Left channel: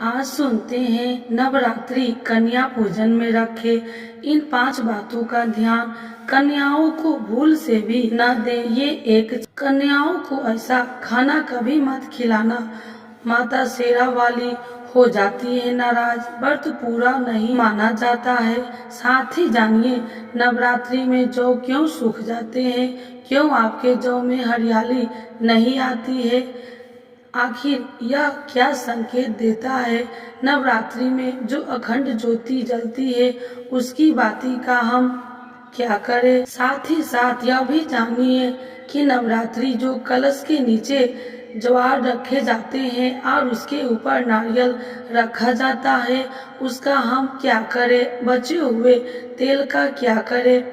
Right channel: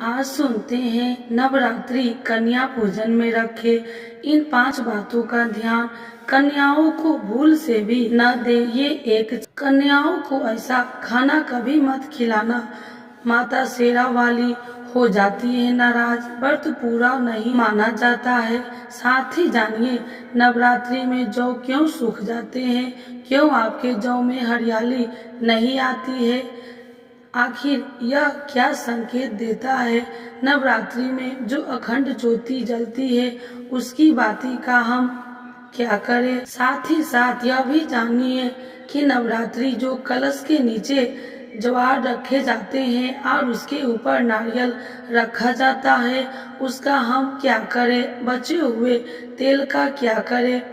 आज सुनते हैं नवरात्रि कन्या पूजन में रखे इन 5 बातों का ध्यान कन्याओं को भूल से भी न दें। ये एक कन्याओं को ऐसा खाना कभी मत खिलाना, माता शेरा वाली हो जाती है नाराज, व्रत पूरा नहीं माना जाता है। साथ ही जानिए नवरात्रि में जौ क्यों सूख जाते हैं, क्यों आपके जौ में हरियाली नहीं आती है, आखिर यह क्या संकेत देता है। नवरात्रि में जो अखंड ज्योति जलती है उसकी बाती का हम क्या करें। साथ ही साथ यह भी जानिए कि नवरात्रि जो कलश के नीचे ज्वार रखे जाते हैं और उसके ऊपर नारियल रखा जाता है, उसका हम क्या करें, बचे हुए तेल का क्या करें।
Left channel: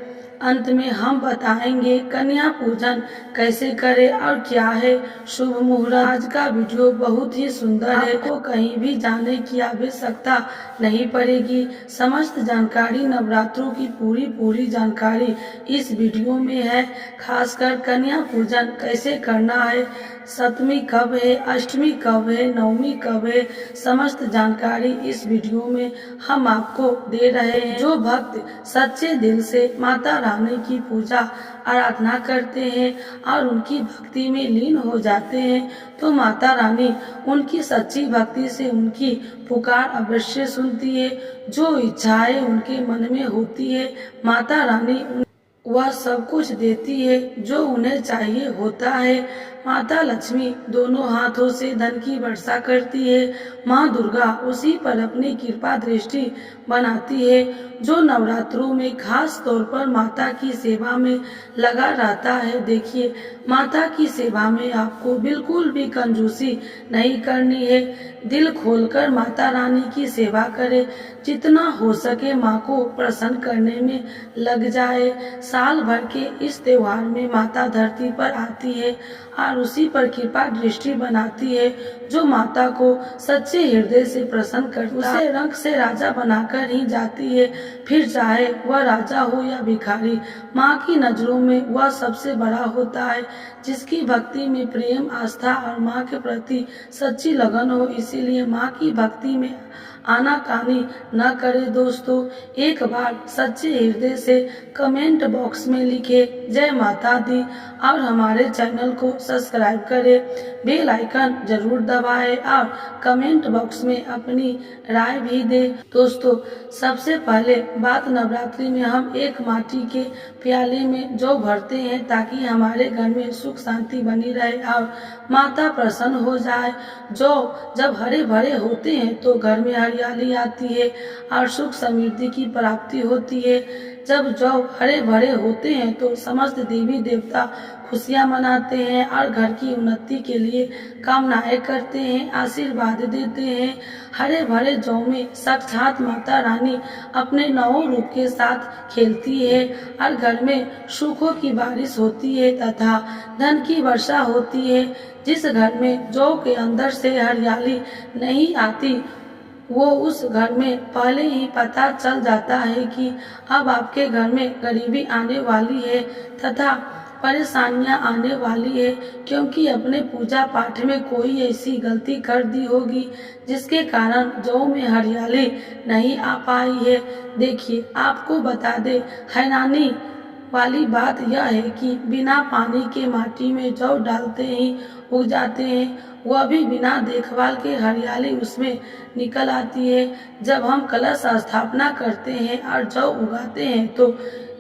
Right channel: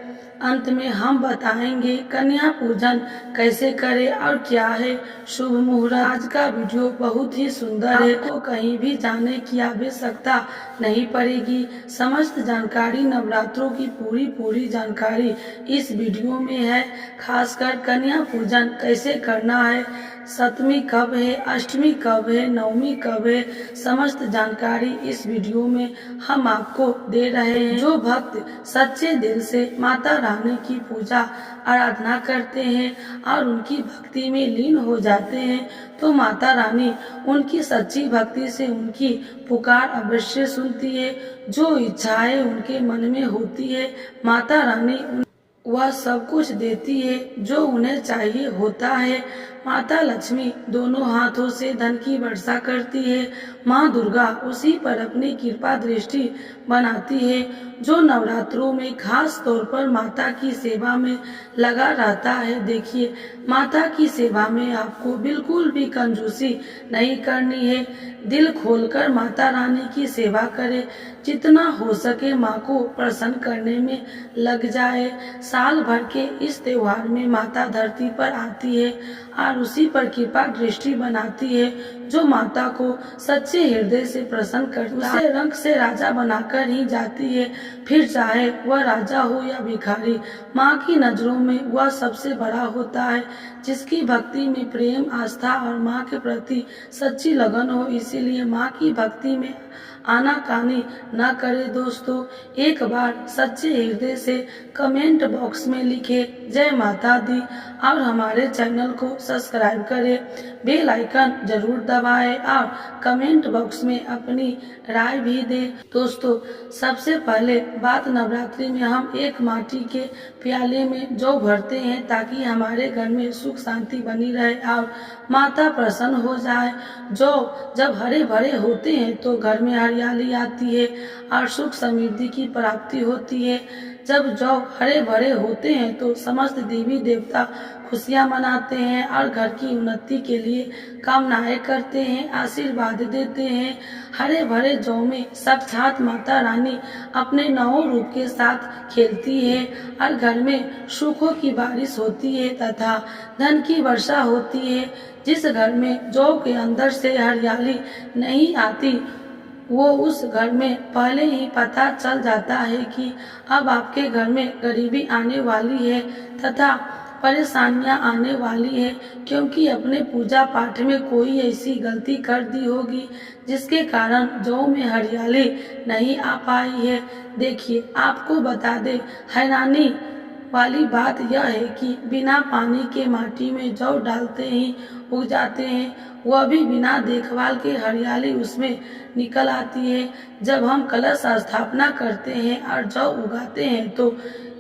अंत में हम बताएंगे कन्या पूजन कैसे करें और क्या है शुभ मुहूर्त। आज का वीडियो बहुत ही सुंदर है, आपको कहीं भी जाने की आवश्यकता नहीं पड़ेगी। समस्त जानकारी नवरात्रों की पूरी जानकारी इस वीडियो में है। खासकर कन्या पूजन कैसे करना है, सप्तमी कब है, अष्टमी कब है, नवमी कब है, समस्त जानकारी इस वीडियो में हम आपको दे रहे हैं। जो भक्त सच्चे दिल से माता रानी की पूजा आराधना करते हैं और उनकी भक्ति में लीन हो जाते हैं तो माता रानी उनकी सच्ची भक्ति से उनकी पुकार अवश्य सुनती है। जो इच्छाएं उनके मन में होती है माता रानी वह सब कुछ देती है जो उन्हें चाहिए होता है। माता लक्ष्मी दोनों हाथों से धन की वर्षा करती है। माँ दुर्गा उसी पर अपनी कृपा दृष्टि बनाती है जो नवरात्रों में खास तौर पर माता की सेवा में लगा रहता है। देखिए, माता की सेवा में आपको बिल्कुल भी कंजूसी नहीं करनी है। दिल खोलकर माता रानी की सेवा करें, जितना हो सके माँ को प्रसन्न करने में लग जाए। साल भर के इस त्योहार में माता धरती पर आती है और उसी पर कृपा दृष्टि बनाती है जो माता को सच्चे हृदय से प्रसन्न करता है। उसे रंग से राजा बनाकर ही जाती है, फिर चाहे वह राजा हो या भिखारी। माँ की नजरों में वह सबसे बड़ा होता है जिसकी भक्ति में प्रेम, आस्था और माँ के प्रति सच्ची लगन हो। इसीलिए माँ की भक्ति में आनाकानी न करे। दोस्तों, एक बार सच्चे हृदय से कमेंट बॉक्स में लिखे जय माता दी और हमारे चैनल को सब्सक्राइब करें, बेल आइकन जरूर दबाएं और कमेंट बॉक्स में अपनी राय भी दें। दोस्तों, सबसे पहले बात, नवरात्रि में हम एक माटी के प्याले में जौ भरते हैं ताकि हमारे घर में सुख शांति बनी रहे और माता प्रसन्न हो जाए। जौ जब हरे भरे होते हैं तो घर में हरियाली आती है और सुख समृद्धि की प्राप्ति होती है। जब जौ हरे भरे होते हैं तो समस्त देवी देवता खुशियां मनाते हैं और घर की उन्नति के लिए कामनाएं करते हैं, आशीर्वाद देते हैं। हरे भरे जौ में साक्षात माता रानी अपने 9 रूप के साथ खेलती है और घर में सुखों की बारिश होती है तथा धन की वर्षा होती है। जिस घर में जौ के अंदर से हरियाली नहीं आती वो उस घर में पहले ही पता चल जाता है कि अब आपके घर में गरीबी आने वाली है तथा परेशानियां आने वाली है, क्योंकि अपने पूजा पाठ में कोई ऐसी गलती कर दी होगी जिसके कारण जौ में हरियाली नहीं आ पाई है। देखिए, आपको बता दे, हैरानी वाली बात यह है कि बिना पानी के माटी में जौ डालते ही उग जाते हैं, वह भी बिना देखभाल के हरियाली उसमें निकल आती है। जब हम कलश स्थापना करते हैं और जौ उगाते हैं तो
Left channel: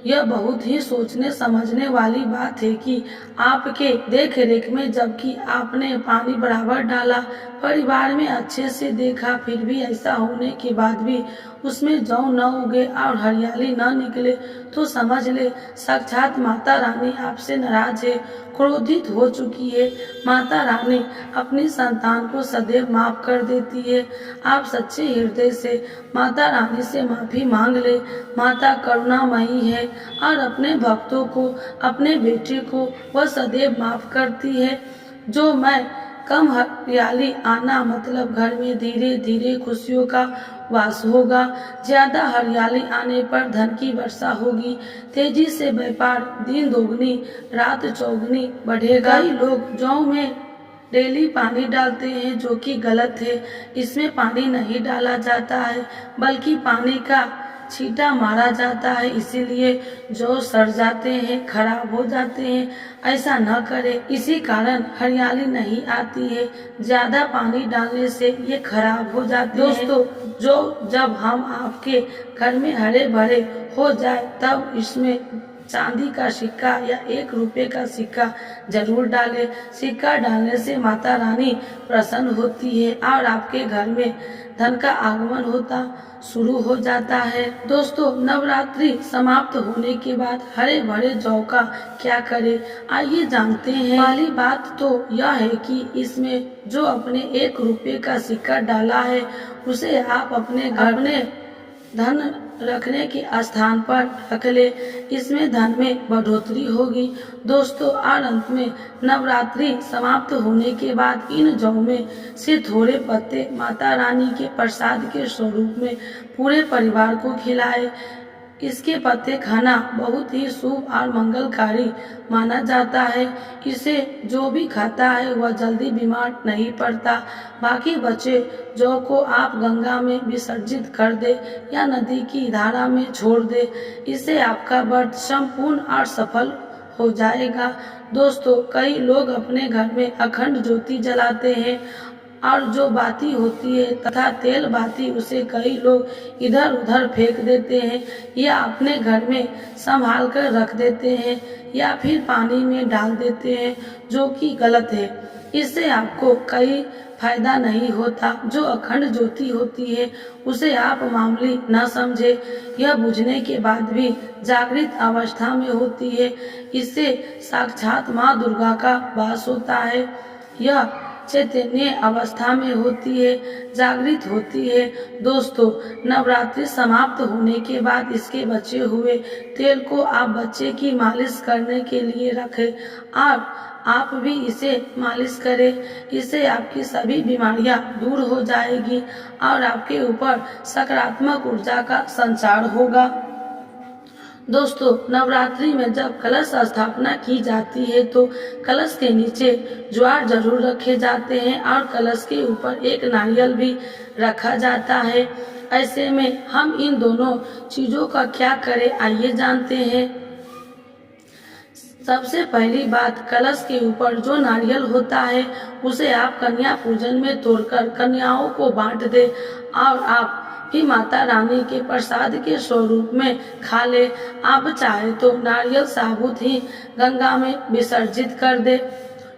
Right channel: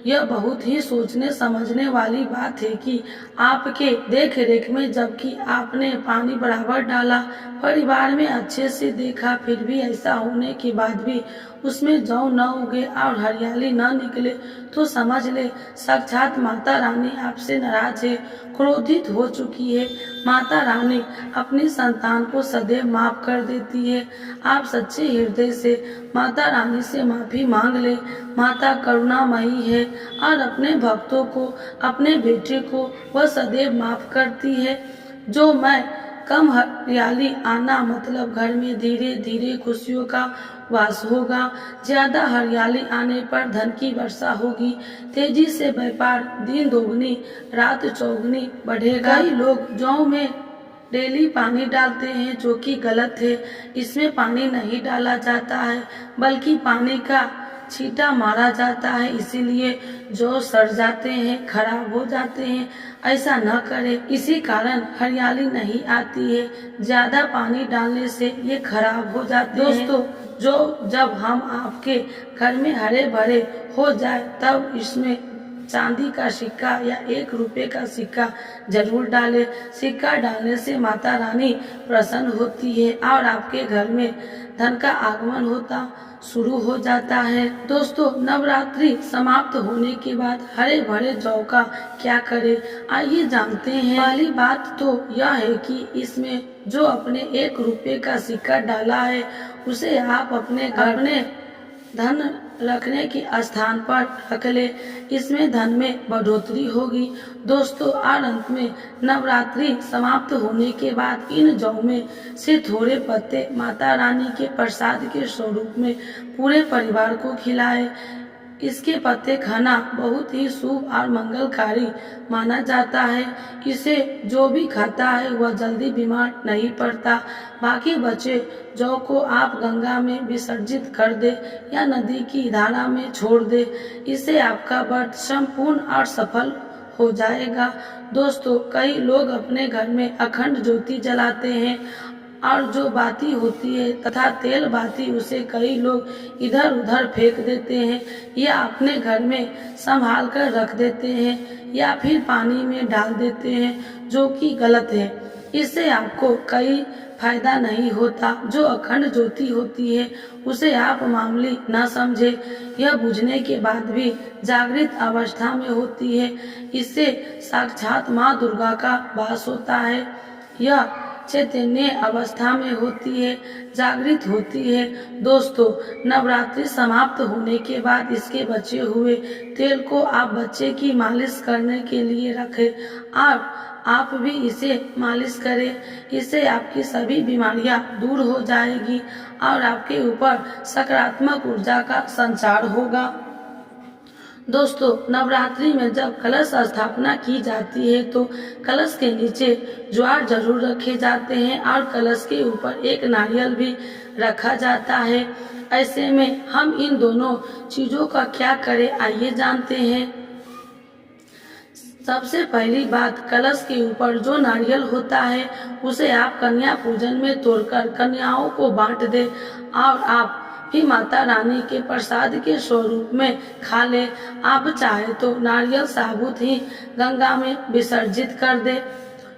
यह बहुत ही सोचने समझने वाली बात है कि आपके देख रेख में जबकि आपने पानी बराबर डाला, परिवार में अच्छे से देखा, फिर भी ऐसा होने के बाद भी उसमें जौ न उगे और हरियाली न निकले तो समझ ले साक्षात माता रानी आपसे नाराज है, क्रोधित हो चुकी है। माता रानी अपनी संतान को सदैव माफ कर देती है। आप सच्चे हृदय से माता रानी से माफी मांग ले। माता करुणामयी है और अपने भक्तों को, अपने बेटे को वह सदैव माफ करती है। जो मैं कम हरियाली आना मतलब घर में धीरे धीरे खुशियों का वास होगा। ज्यादा हरियाली आने पर धन की वर्षा होगी, तेजी से व्यापार दिन दोगुनी रात चौगुनी बढ़ेगा। कई लोग जौ में डेली पानी डालते हैं, जो कि गलत है। इसमें पानी नहीं डाला जाता है, बल्कि पानी का छींटा मारा जाता है, इसीलिए जो सड़ जाते हैं, खराब हो जाते हैं। ऐसा न करें, इसी कारण हरियाली नहीं आती है। ज्यादा पानी डालने से ये खराब हो जाते हैं। दोस्तों, जब हम आपके घर में हरे भरे हो जाए, तब इसमें चांदी का सिक्का या 1 रुपये का सिक्का जरूर डालें। सिक्का डालने से माता रानी प्रसन्न होती है और आपके घर में धन का आगमन होता शुरू हो जाता है। दोस्तों, नवरात्रि समाप्त होने के बाद हरे भरे जौ का क्या करें, आइए जानते हैं। पहली बात तो यह है कि इसमें जो अपने 1 रुपये का सिक्का डाला है, उसे आप अपने धन रखने के स्थान पर रख ले। इसमें धन में बढ़ोतरी होगी। दोस्तों, और अंत में नवरात्रि समाप्त होने के बाद इन जौ में से थोड़े पत्ते माता रानी के प्रसाद के स्वरूप में पूरे परिवार को खिलाएं। इसके पत्ते खाना बहुत ही शुभ और मंगलकारी माना जाता है। इसे जो भी खाता है वह जल्दी बीमार नहीं पड़ता। बाकी बचे जौ को आप गंगा में विसर्जित कर दे या नदी की धारा में छोड़ दे। इससे आपका व्रत संपूर्ण और सफल हो जाएगा। दोस्तों, कई लोग अपने घर में अखंड ज्योति जलाते हैं और जो बाती होती है तथा तेल बाती, उसे कई लोग इधर उधर फेंक देते हैं या अपने घर में संभाल कर रख देते हैं या फिर पानी में डाल देते हैं, जो कि गलत है। इससे आपको कोई फायदा नहीं होता। जो अखंड ज्योति होती है उसे आप मामूली न समझे, यह बुझने के बाद भी जागृत अवस्था में होती है। इससे साक्षात माँ दुर्गा का वास होता है। यह चैतन्य अवस्था में होती है, जागृत होती है। दोस्तों, नवरात्रि समाप्त होने के बाद इसके बचे हुए तेल को आप बच्चे की मालिश करने के लिए रखें और आप भी इसे मालिश करें। इससे आपकी सभी बीमारियां दूर हो जाएगी और आपके ऊपर सकारात्मक ऊर्जा का संचार होगा। दोस्तों, नवरात्रि में जब कलश स्थापना की जाती है तो कलश के नीचे ज्वार जरूर रखे जाते हैं और कलश के ऊपर एक नारियल भी रखा जाता है। ऐसे में हम इन दोनों चीजों का क्या करें, आइए जानते हैं। सबसे पहली बात, कलश के ऊपर जो नारियल होता है उसे आप कन्या पूजन में तोड़कर कन्याओं को बांट दे और आप भी माता रानी के प्रसाद के स्वरूप में खा ले। आप चाहे तो नारियल साबुत ही गंगा में विसर्जित कर दे।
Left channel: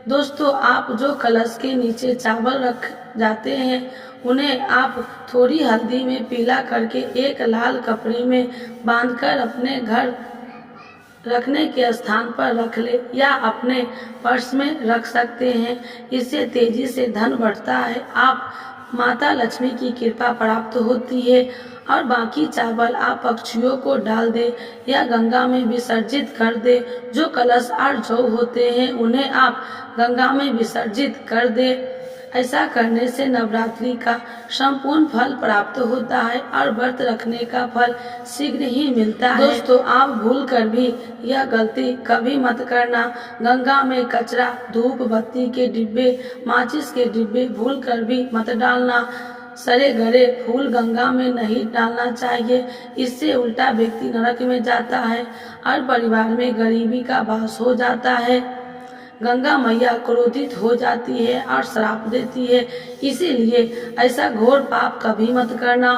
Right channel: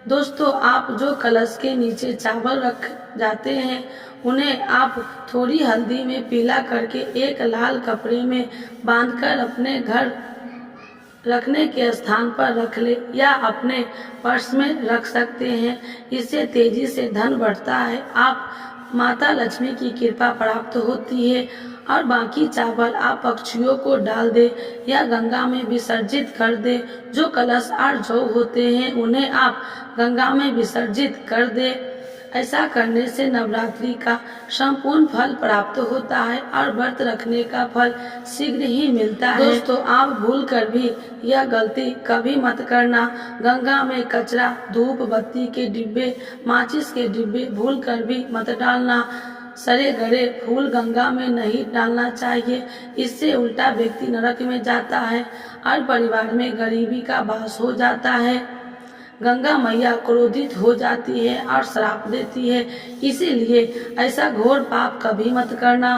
दोस्तों, आप जो कलश के नीचे चावल रख जाते हैं उन्हें आप थोड़ी हल्दी में पीला करके एक लाल कपड़े में बांधकर अपने घर रखने के स्थान पर रख ले या अपने पर्स में रख सकते हैं। इससे तेजी से धन बढ़ता है, आप माता लक्ष्मी की कृपा प्राप्त होती है। और बाकी चावल आप पक्षियों को डाल दे या गंगा में विसर्जित कर दे। जो कलश और जौ होते हैं उन्हें आप गंगा में विसर्जित कर दे। ऐसा करने से नवरात्रि का संपूर्ण फल प्राप्त होता है और व्रत रखने का फल शीघ्र ही मिलता है। दोस्तों, आप भूल कर भी यह गलती कभी मत करना। गंगा में कचरा, धूप बत्ती के डिब्बे, माचिस के डिब्बे भूल कर भी मत डालना। सड़े गले फूल गंगा में नहीं डालना चाहिए। इससे उल्टा व्यक्ति नरक में जाता है और परिवार में गरीबी का वास हो जाता है। गंगा मैया क्रोधित हो जाती है और श्राप देती है, इसीलिए ऐसा घोर पाप कभी मत करना।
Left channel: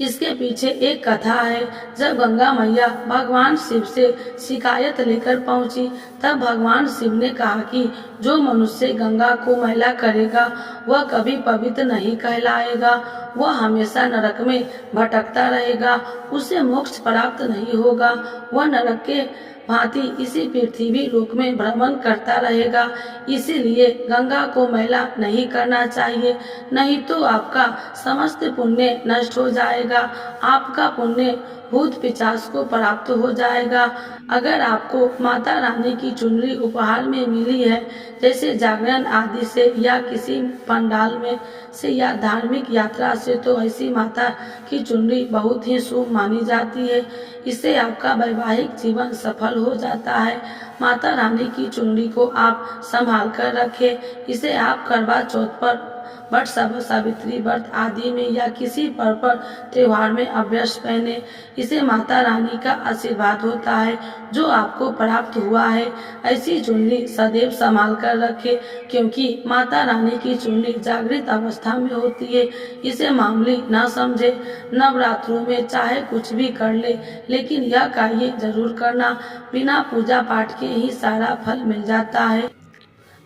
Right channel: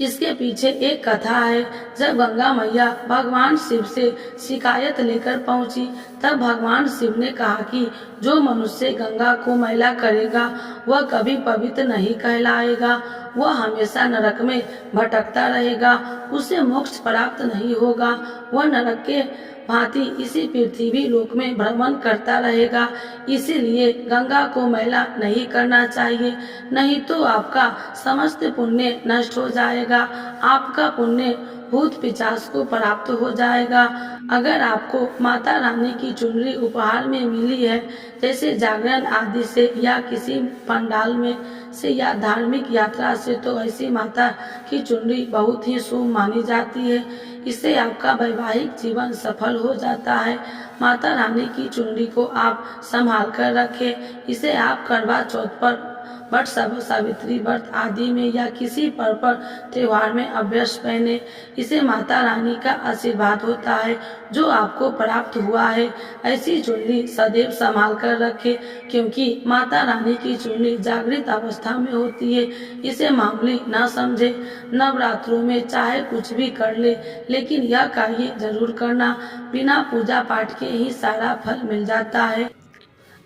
इसके पीछे एक कथा है। जब गंगा मैया भगवान शिव से शिकायत लेकर पहुंची, तब भगवान शिव ने कहा कि जो मनुष्य गंगा को मैला करेगा वह कभी पवित्र नहीं कहलाएगा, वह हमेशा नरक में भटकता रहेगा, उसे मोक्ष प्राप्त नहीं होगा, वह नरक के भांति इसी पृथ्वी लोक में भ्रमण करता रहेगा। इसीलिए गंगा को मैला नहीं करना चाहिए, नहीं तो आपका समस्त पुण्य नष्ट हो जाएगा। आपका पुण्य भूत पिशाच को प्राप्त हो जाएगा। अगर आपको माता रानी की चुनरी उपहार में मिली है, जैसे जागरण आदि से या किसी पंडाल में से या धार्मिक यात्रा से, तो ऐसी माता की चुनरी बहुत ही शुभ मानी जाती है। इससे आपका वैवाहिक जीवन सफल हो जाता है। माता रानी की चुनरी को आप संभाल कर रखें। इसे आप करवा चौथ पर, वट सावित्री व्रत आदि में या किसी पर्व त्योहार में अवश्य पहने। इसे माता रानी का आशीर्वाद होता है जो आपको प्राप्त हुआ है। ऐसी चुनरी सदैव संभाल कर रखें, क्योंकि माता रानी की चुनरी जागृत अवस्था में होती है। इसे मामूली न समझे। नवरात्रों में चाहे कुछ भी कर ले, लेकिन यह कार्य जरूर करना। बिना पूजा पाठ के ही सारा फल मिल जाता है।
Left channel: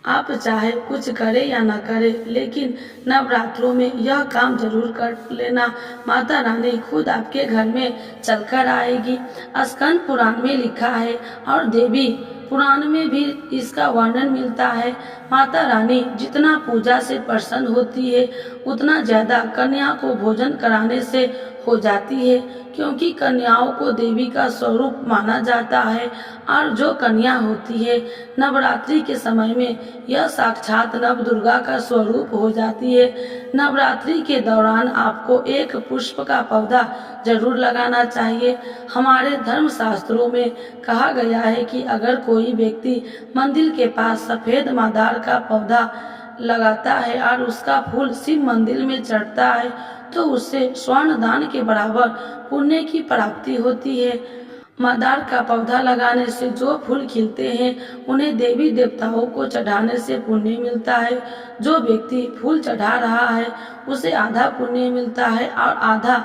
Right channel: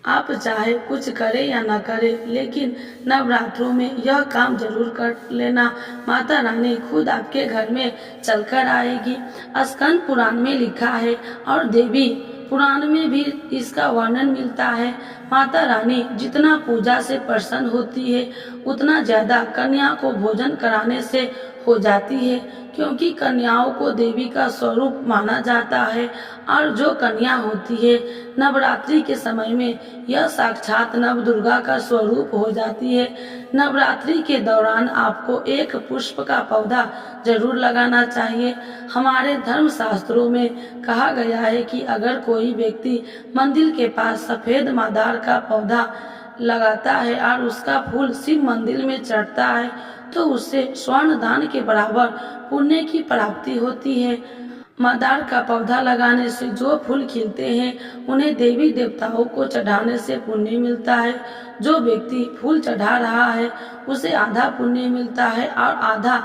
आप चाहे कुछ करें या न करें, लेकिन नवरात्रों में यह काम जरूर कर लेना। माता रानी खुद आपके घर में चलकर आएगी। स्कंद पुराण में लिखा है और देवी पुराण में भी इसका वर्णन मिलता है। माता रानी जितना पूजा से प्रसन्न होती है, उतना ज्यादा कन्या को भोजन कराने से हो जाती है, क्योंकि कन्याओं को देवी का स्वरूप माना जाता है। और जो कन्या होती है, नवरात्रि के समय में यह साक्षात नव दुर्गा का स्वरूप हो जाती है। नवरात्रि के दौरान आपको एक पुष्प का पौधा जरूर लगाना चाहिए। हमारे धर्म शास्त्रों में कहा गया है कि अगर कोई व्यक्ति मंदिर के पास सफेद मादार का पौधा लगाता है और उसका फूल शिव मंदिर में चढ़ता है, तो उससे स्वर्ण दान के बराबर पुण्य की प्राप्ति होती है। मादार का पौधा लगाने से जो फूल खिलते हैं, उन्हें देवी देवताओं को चढ़ाने से पुण्य मिलता है। जो व्यक्ति फूल चढ़ा रहा है, उसे आधा पुण्य मिलता है और आधा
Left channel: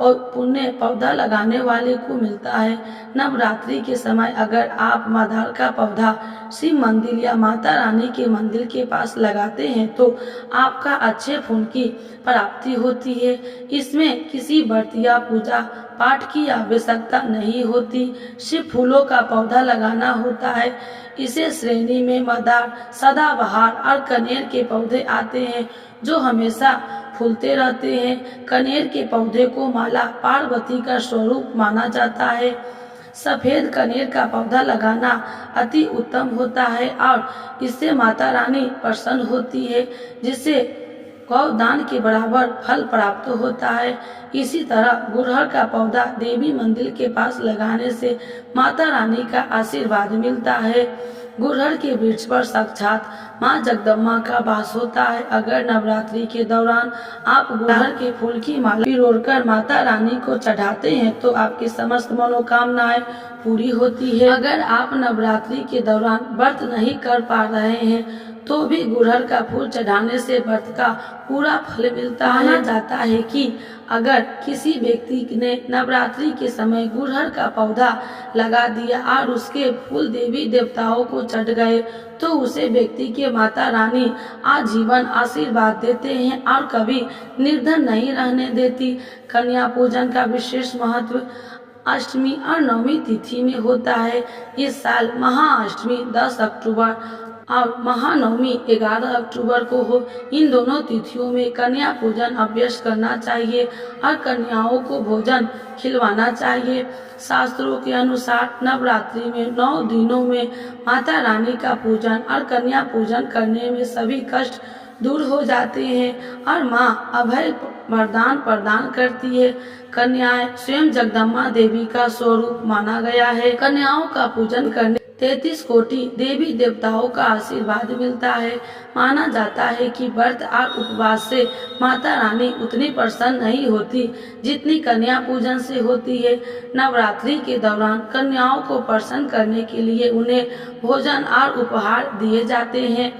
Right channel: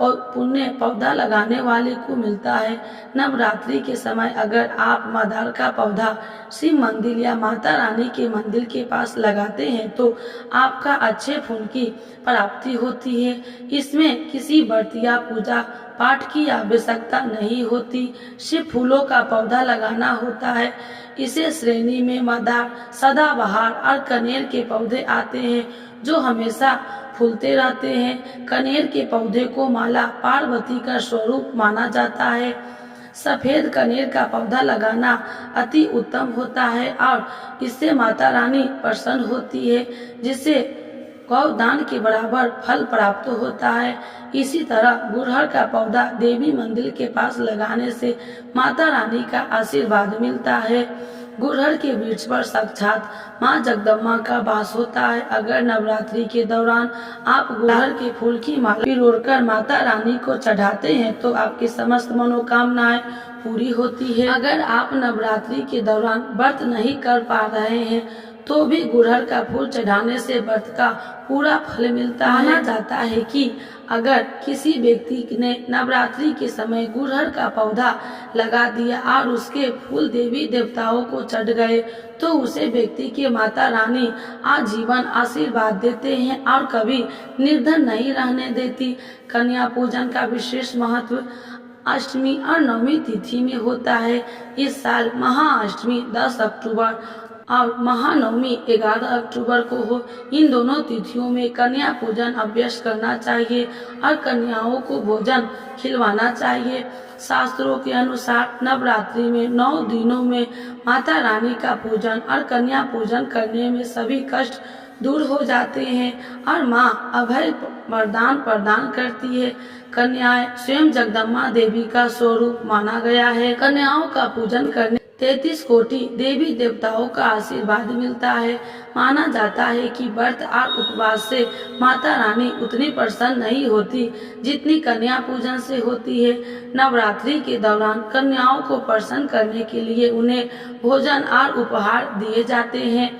पुण्य पौधा लगाने वाले को मिलता है। नवरात्रि के समय अगर आप मादार का पौधा शिव मंदिर या माता रानी के मंदिर के पास लगाते हैं, तो आपका अच्छे फूल की प्राप्ति होती है। इसमें किसी व्रत या पूजा पाठ की आवश्यकता नहीं होती, सिर्फ फूलों का पौधा लगाना होता है। इसे श्रेणी में मादार, सदाबहार और कनेर के पौधे आते हैं, जो हमेशा फूलते रहते हैं। कनेर के पौधे को माला पार्वती का स्वरूप माना जाता है। सफेद कनेर का पौधा लगाना अति उत्तम होता है और इससे माता रानी प्रसन्न होती है, जिससे गौदान के बराबर फल प्राप्त होता है। इसी तरह गुड़हल का पौधा देवी मंदिर के पास लगाने से माता रानी का आशीर्वाद मिलता है। गुड़हल के वृक्ष पर साक्षात माँ जगदम्बा का वास होता है। अगर नवरात्रि के दौरान आप गुड़हल के फूल की माला पिरोकर माता रानी को चढ़ाते हैं, तो आपकी समस्त मनोकामनाएं पूरी होती है। अगर आप नवरात्रि के दौरान व्रत नहीं कर पा रहे हैं, तो भी गुड़हल का फूल चढ़ाने से व्रत का पूरा फल मिलता है। माना जाता है कि अगर किसी व्यक्ति ने नवरात्रि के समय गुड़हल का पौधा लगा दिया और उसके फूल देवी देवताओं को चढ़ गए, तो उसे व्यक्ति के माता रानी आजीवन आशीर्वाद देते हैं और कभी निर्धन नहीं रहने देती। कन्या पूजन का विशेष महत्व अष्टमी और नवमी तिथि में होता है। इस साल महाअष्टमी 10 अक्टूबर और महानवमी 11 अक्टूबर को हो। इन दोनों तिथियों में कन्या पूजन अवश्य करना चाहिए और कन्याओं को भोजन खिलवाना चाहिए। शास्त्रों के अनुसार नवरात्रि में 9 दिनों में माता रानी का पूजन और कन्या पूजन करने में सभी कष्ट दूर हो जाते हैं और माँ अभय वरदान प्रदान करती है। कन्याएं स्वयं जगदम्बा देवी का स्वरूप माना गया है। कन्याओं का पूजन करने 33 कोटि देवी देवताओं का आशीर्वाद मिलता है। माना जाता है कि व्रत और उपवास से माता रानी उतनी प्रसन्न नहीं होती जितनी कन्या पूजन से होती है। नवरात्रि के दौरान कन्याओं को प्रसन्न करने के लिए उन्हें भोजन और उपहार दिए जाते हैं।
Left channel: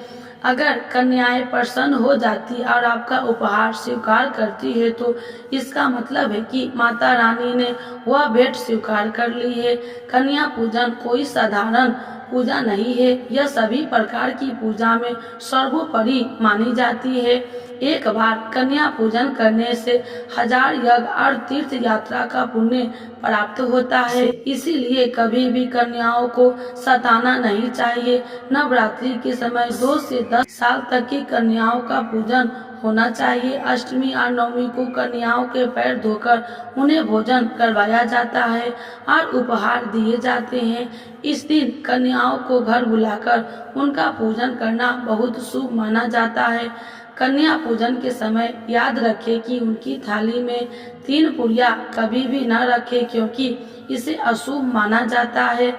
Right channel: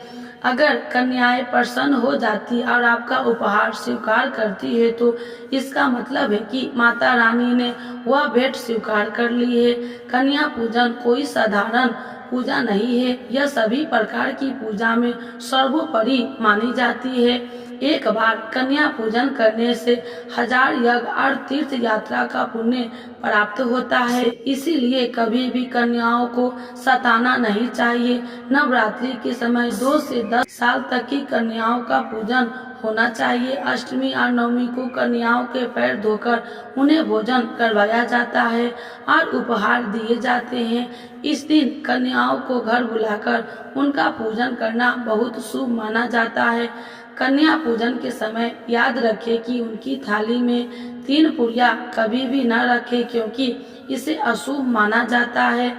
अगर कन्याएं प्रसन्न हो जाती और आपका उपहार स्वीकार करती है, तो इसका मतलब है कि माता रानी ने वह भेंट स्वीकार कर ली है। कन्या पूजन कोई साधारण पूजा नहीं है, यह सभी प्रकार की पूजा में सर्वोपरि मानी जाती है। एक बार कन्या पूजन करने से 1000 यज्ञ और तीर्थ यात्रा का पुण्य प्राप्त होता है। इसीलिए कभी भी कन्याओं को सताना नहीं चाहिए। नवरात्रि के समय 2 से 10 साल तक की कन्याओं का पूजन होना चाहिए। अष्टमी और नवमी को कन्याओं के पैर धोकर उन्हें भोजन करवाया जाता है और उपहार दिए जाते हैं। इस दिन कन्याओं को घर बुलाकर उनका पूजन करना बहुत शुभ माना जाता है। कन्या पूजन के समय याद रखें कि उनकी थाली में 3 पुड़िया कभी भी न रखें, क्योंकि इसे अशुभ माना जाता है।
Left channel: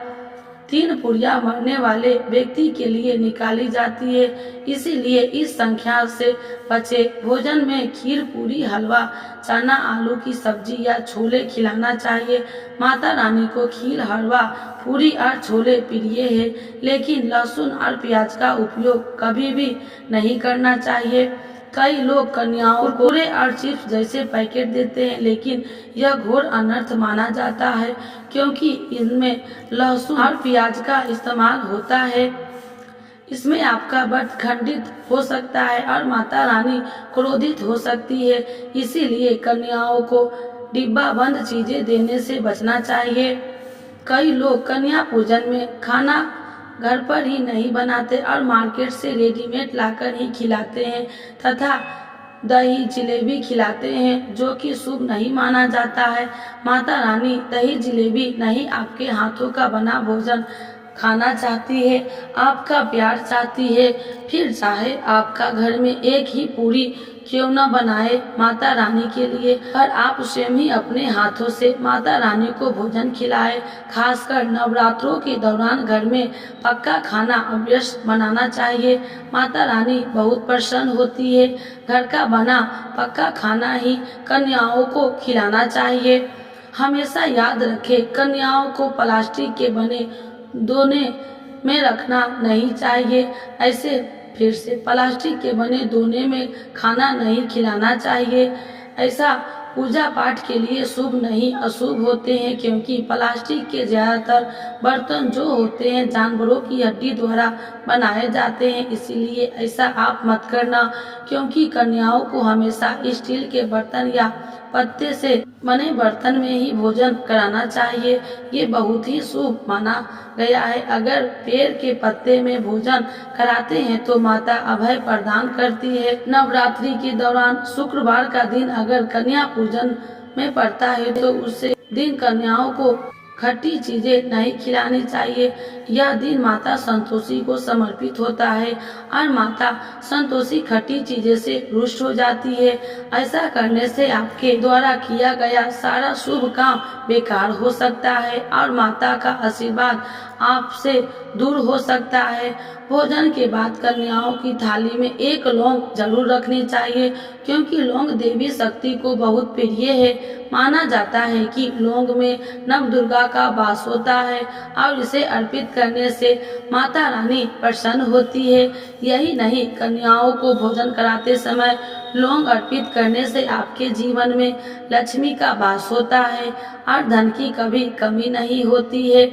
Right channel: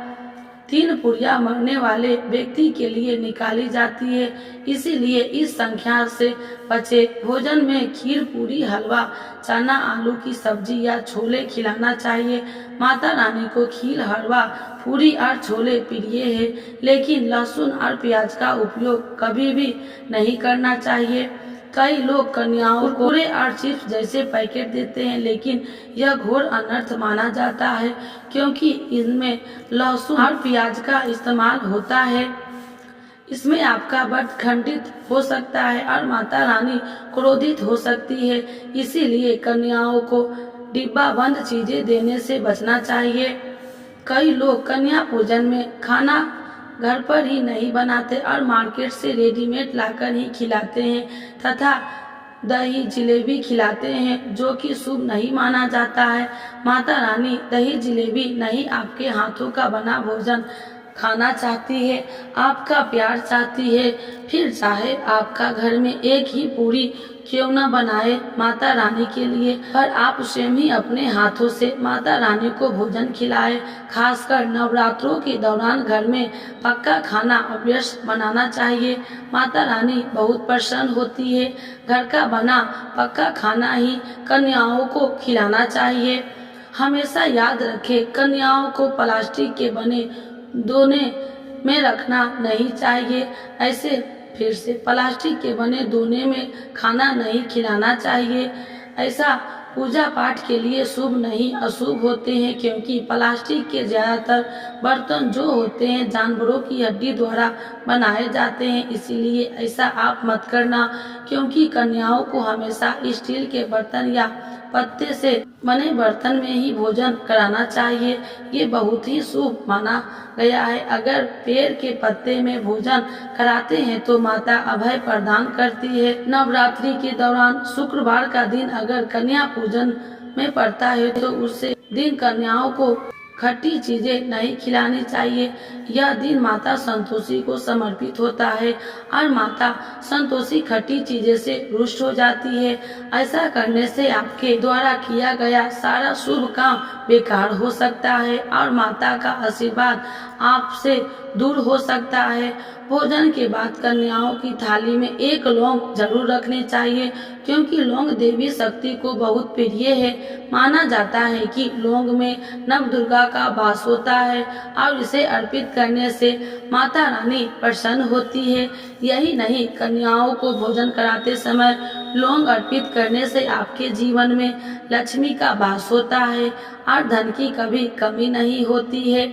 3 पुड़िया मरने वाले व्यक्ति के लिए निकाली जाती है, इसीलिए इस संख्या से बचे। भोजन में खीर, पूरी, हलवा, चना, आलू की सब्जी या छोले खिलाना चाहिए। माता रानी को खीर, हलवा, पूरी और छोले प्रिय है, लेकिन लहसुन और प्याज का उपयोग कभी भी नहीं करना चाहिए। कई लोग कन्याओं को कुरकुरे और चिप्स जैसे पैकेट देते हैं, लेकिन यह घोर अनर्थ माना जाता है, क्योंकि इनमें लहसुन और प्याज का इस्तेमाल होता है। इसमें आपका व्रत खंडित हो सकता है और माता रानी क्रोधित हो सकती है, इसीलिए कन्याओं को डिब्बा बंद चीजें देने से बचना चाहिए। कई लोग कन्या पूजन में खाना घर पर ही नहीं बनाते और मार्केट से रेडीमेड लाकर ही खिलाते हैं तथा दही जलेबी खिलाते हैं, जो कि शुभ नहीं माना जाता है। माता रानी दही जलेबी नहीं, आपके हाथों का बना भोजन खाना चाहती है, आपका प्यार चाहती है। फिर चाहे आपका घर में एक ही पूरी क्यों न बनाए माता रानी के लिए, पर आप स्वयं ही अपने हाथों से माता रानी को भोजन खिलाए। खासकर नवरात्रों के दौरान घर में पक्का खाना अवश्य बनाना चाहिए। माता रानी बहुत प्रसन्न होती है। घर का बना पक्का खाना ही कन्याओं को खिलाना चाहिए। हमेशा याद रखें, कन्याओं को प्लास्टिक के बने दोने में रखना नहीं चाहिए। ऐसे फिर से प्लास्टिक के बने दोने में खाना नहीं खिलाना चाहिए। ऐसा पूजा पाठ के लिए शुभ नहीं, अशुभ होते हैं, क्योंकि प्लास्टिक के ज़्यादातर बर्तन जो होते हैं जानवरों की हड्डी द्वारा बनाए जाते हैं, इसीलिए ऐसा आप मत करना। क्योंकि कन्याओं को हमेशा स्टील के बर्तन या पत्ते से बने बर्तन में ही भोजन कराना चाहिए। ये बहुत ही शुभ माना गया है। अगर पेड़ के पत्ते में भोजन कराते हैं तो माता अभय प्रदान करती है। नवरात्रि के दौरान शुक्रवार का दिन अगर कन्या पूजन में पड़ता है तो उसे दिन कन्याओं को खट्टी चीजें नहीं खिलानी चाहिए। यह दिन माता संतोषी को समर्पित होता है और माता संतोषी खट्टी चीजें से रुष्ट हो जाती है। ऐसा करने से आपके द्वारा किया गया सारा शुभ काम बेकार हो सकता है और माता का आशीर्वाद आपसे दूर हो सकता है। भोजन के बाद कन्याओं की थाली में एक लौंग जरूर रखनी चाहिए, क्योंकि लौंग देवी शक्ति को बहुत प्रिय है। माना जाता है कि लौंग में नवदुर्गा का वास होता है और इसे अर्पित करने से माता रानी प्रसन्न होती है। यही नहीं, कन्याओं को भोजन कराते समय लौंग अर्पित करने से आपके जीवन में लक्ष्मी का वास होता है और धन की कभी कमी नहीं होती है।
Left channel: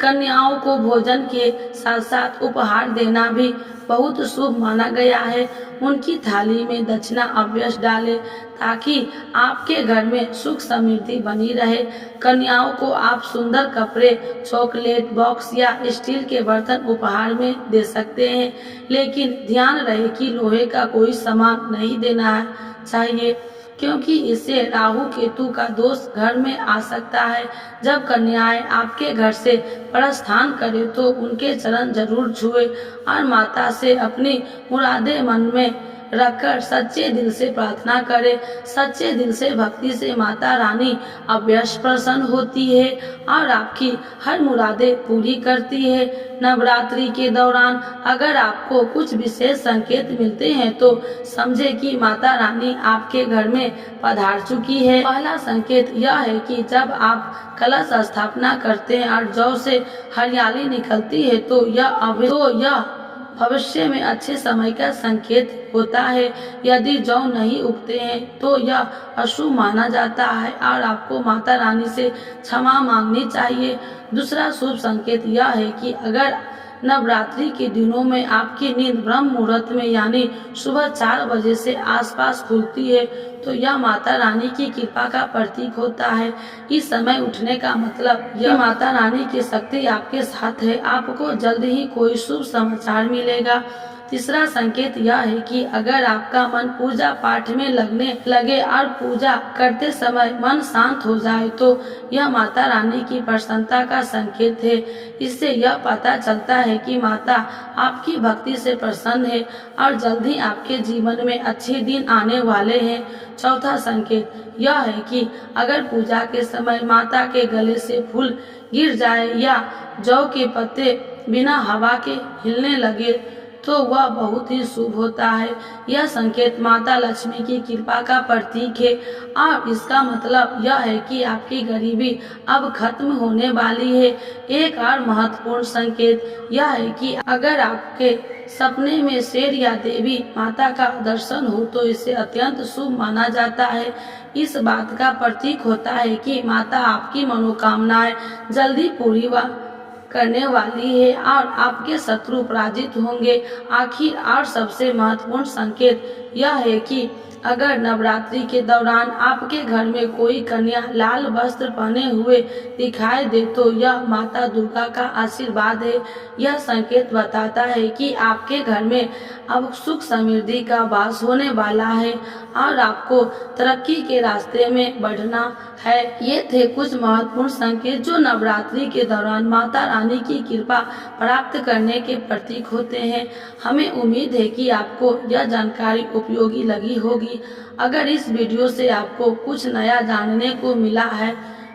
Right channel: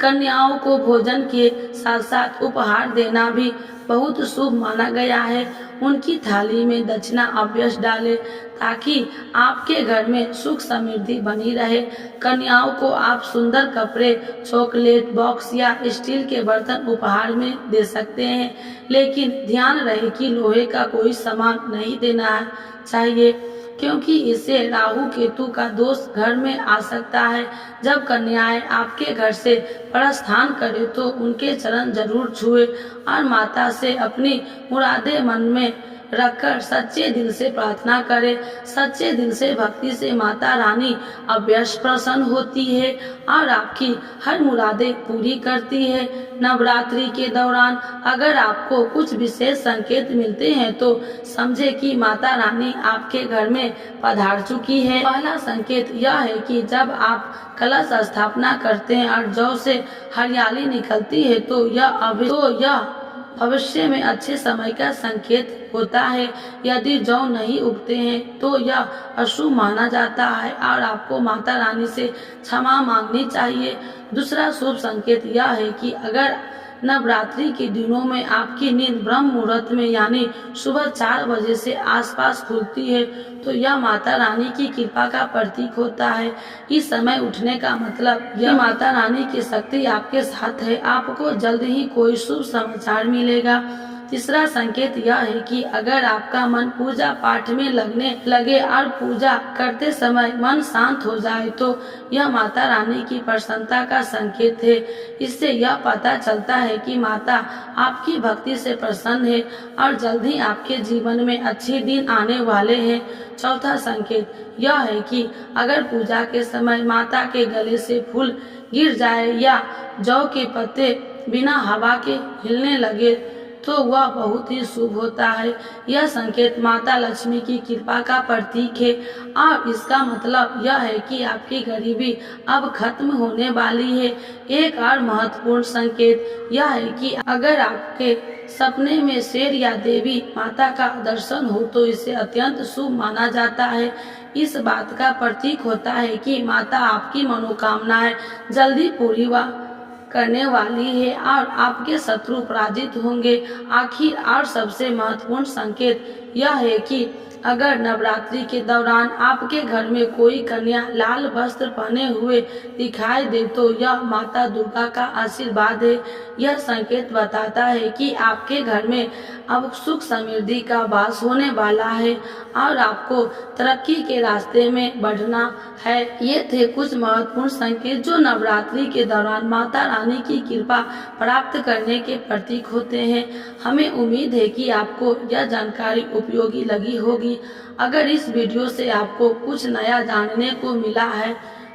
कन्याओं को भोजन के साथ साथ उपहार देना भी बहुत शुभ माना गया है। उनकी थाली में दक्षिणा अवश्य डालें, ताकि आपके घर में सुख समृद्धि बनी रहे। कन्याओं को आप सुंदर कपड़े, चॉकलेट बॉक्स या स्टील के बर्तन उपहार में दे सकते हैं, लेकिन ध्यान रहे कि लोहे का कोई सामान नहीं देना चाहिए, क्योंकि इससे राहु केतु का दोष घर में आ सकता है। जब कन्याएं आपके घर से प्रस्थान करें तो उनके चरण जरूर छुए और माता से अपनी मुरादें मन में रखकर सच्चे दिल से प्रार्थना करें। सच्चे दिल से भक्ति से माता रानी अवश्य प्रसन्न होती है और आपकी हर मुरादें पूरी करती है। नवरात्रि के दौरान अगर आपको कुछ विशेष संकेत मिलते हैं तो समझे कि माता रानी आपके घर में पधार चुकी है। पहला संकेत यह है कि जब आप कलश स्थापना करते हैं और जौ से हरियाली निकलती है तो यह भविष्य में अच्छे समय का संकेत होता है। यदि जौ नहीं उगते हैं तो यह अशुभ माना जाता है और आपको माता रानी से क्षमा मांगनी चाहिए। दूसरा शुभ संकेत यह है कि अगर नवरात्रि के दिनों में आपकी नींद ब्रह्म मुहूर्त में यानी सुबह 4 बजे से आसपास खुलती है तो यह माता रानी की कृपा का प्रतीक होता है। इस समय उठने का मतलब यह माता रानी की शक्ति आपके साथ है। आपको जल्द ही कोई शुभ समाचार मिलेगा। तीसरा संकेत यह है कि अगर आपका मन पूजा पाठ में लगने लगे और पूजा करते समय मन शांत हो जाए तो यह माता रानी की प्रसन्नता का संकेत है। इससे यह पता चलता है कि माता आपकी भक्ति से प्रसन्न है और जल्द ही आपके जीवन में अच्छे दिन आने वाले हैं। चौथा संकेत यह है कि अगर पूजा के समय माता के गले से फूल गिर जाए या जौ के पत्ते बिना हवा के हिलने लगे तो वह बहुत ही शुभ होता है। यह संकेत माता लक्ष्मी की कृपा का प्रतीक है और इसका मतलब यह है कि आपकी गरीबी अब खत्म होने वाली है। एक और महत्वपूर्ण संकेत यह है कि अगर आपके सपने में शेर या देवी माता का दर्शन हो तो इसे अत्यंत शुभ माना जाता है। इस बात का प्रतीक होता है कि माता आपकी मनोकामनाएं जल्दी पूरी करने वाली है और आपके शत्रु पराजित होंगे। आखिर और सबसे महत्वपूर्ण संकेत यह है कि अगर नवरात्रि के दौरान आपके घर में कोई कन्या लाल वस्त्र पहने हुए दिखाई दे तो यह माता दुर्गा का आशीर्वाद है। यह संकेत बताता है कि आपके घर में अब सुख समृद्धि का वास होने वाला है और आपको तरक्की के रास्ते में बढ़ना है। ये थे कुछ महत्वपूर्ण संकेत जो नवरात्रि के दौरान माता रानी की कृपा प्राप्त करने के प्रतीक होते हैं। हमें उम्मीद है कि आपको यह जानकारी उपयोगी लगी होगी। अगर इस वीडियो से आपको कुछ नया जानने को मिला है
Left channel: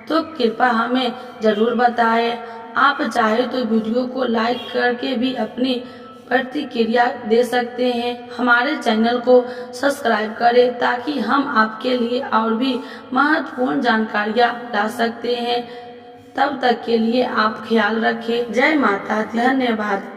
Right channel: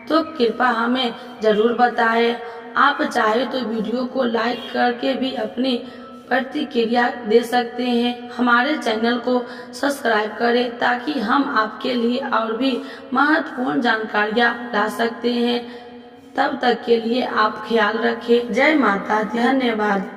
तो कृपया हमें जरूर बताएं। आप चाहे तो वीडियो को लाइक करके भी अपनी प्रतिक्रिया दे सकते हैं। हमारे चैनल को सब्सक्राइब करें ताकि हम आपके लिए और भी महत्वपूर्ण जानकारियाँ ला सकते हैं। तब तक के लिए आप ख्याल रखें। जय माता दी। धन्यवाद।